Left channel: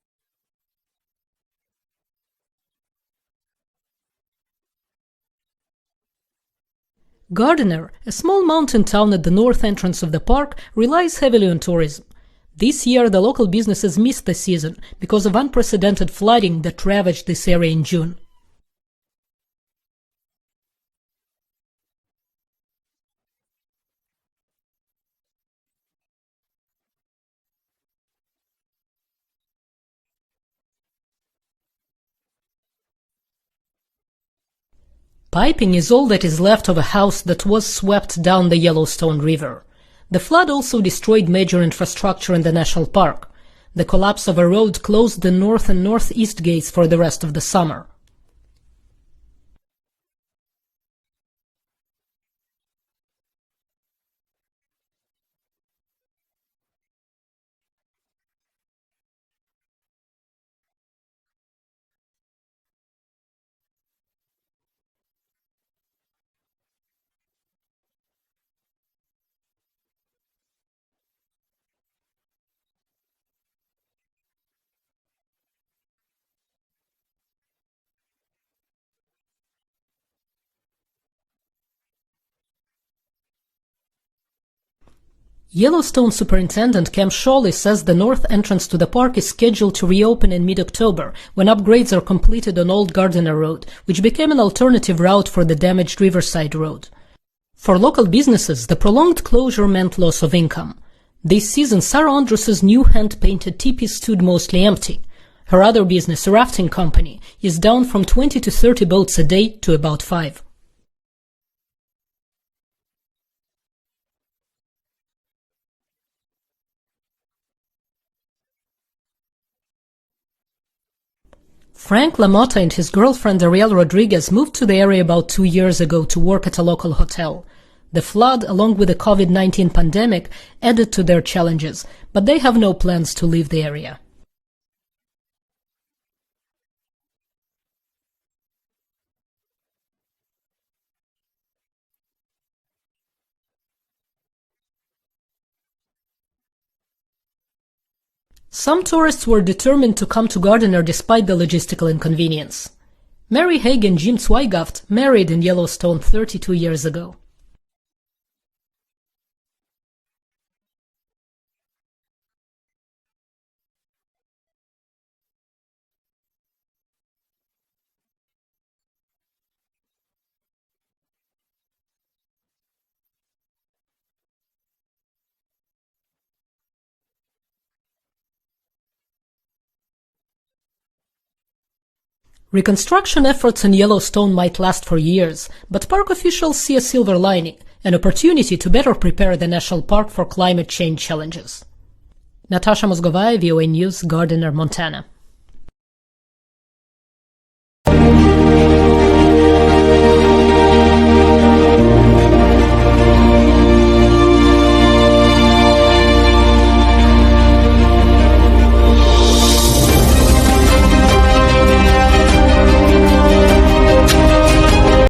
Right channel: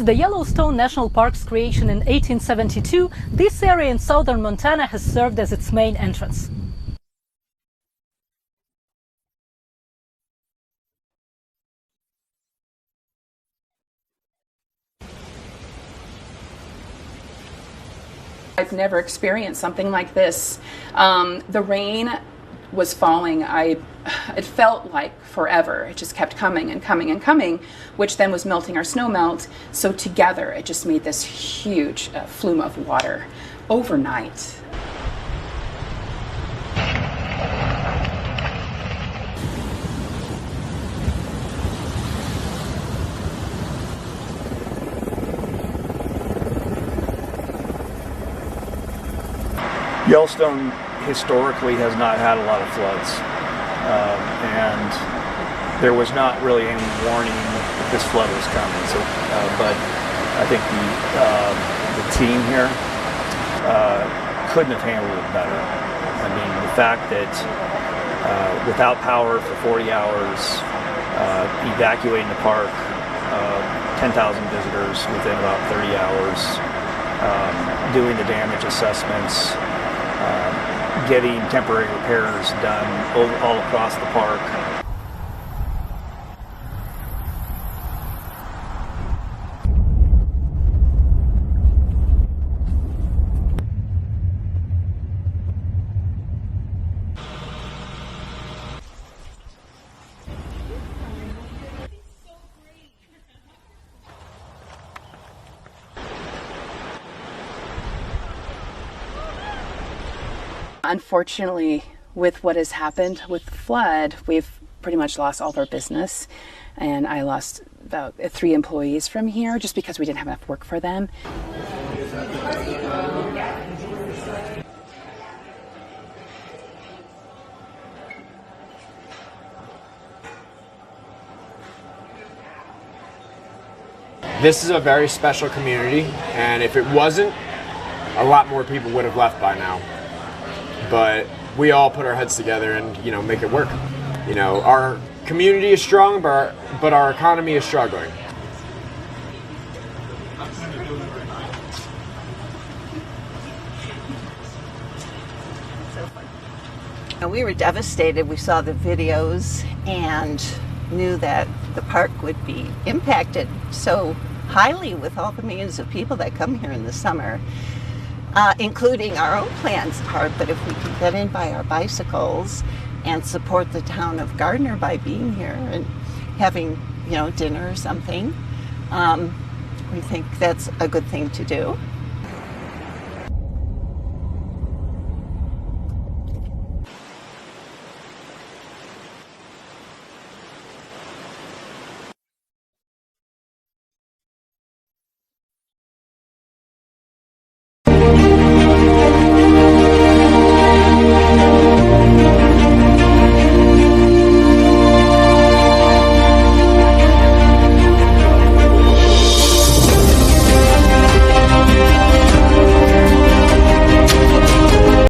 Since the Yellowstone National Park's creation in 1872, this area in southern Montana has served as its main entrance. Gardiner, a small mountain town at the north entrance of the park, relies heavily on tourism. This year, the local businesses missed the season because of unprecedented flooding that ravaged this area in June. I've never experienced something like this. The rain was falling. It felt like forever. It just kept coming and coming and coming, which then was melting our snow melt. So together, it just made this huge flume of water overnight. Piping is all that is left of a house that was swept down the Yellowstone River. The flood also destroyed major infrastructure in the national park. The collapse of a road closed the north and northeast gates for the rest of the summer. Yellowstone historically has not had a lot of floods, and there was not really any warning that this flood was coming. So, but I think the team here couldn't have handled it better. I mean, the fact that without power for 40 hours, evacuating the park, 10,000 visitors within about 30 hours, doing the damage assessments, getting temporary repairs done all across the park. Yellowstone Superintendent Cam Shawley says the north entrance to the park is scheduled to reopen in mid-October, when upgrades are completed on Old Gardiner Road, which became an alternative route for the damaged Riverside Road. For local businesses, the prolonged closure meant loss of income. This season, Sarah Andrus's new hand-painted teepee stood mostly empty. Her other business, a rafting company, is down from 20 to 30 boats a day to about 5. Unfortunately, with what has happened with the flood, we've pretty much lost all of our business, and I lost about 3 employees from here just because we didn't have enough work for them. Frank LaMotta and his girlfriend Ariel Rodriguez moved to the area about 2 years ago to work at a local hotel. The flood, along with the COVID-19 pandemic, added to their challenges, but they have no plans to leave the area. This is a very special community, and if it wasn't, a lot more people would have left by now. But we all put our heads together and, make it work. Our community is strong, but our economy is struggling. Some tourists were determined to come to Gardiner despite the logistical inconvenience. Mary Haig and Jim Zweigaft married in Yellowstone 32 years ago. We were devastated. We saw the videos and knew that the park would be impacted so highly with all the millions of people that come here in the summer, including our own plans part. But if we can get in by our bicycles and support the town of Gardiner by being here and having, dinner or something, we think that's a good thing to do. Reconstruction efforts in Yellowstone might last for years, but park officials see a silver lining, an opportunity to better prepare the national park for climate change challenges. Natasha, Mozgovaya, VOA News, Gardiner, Montana.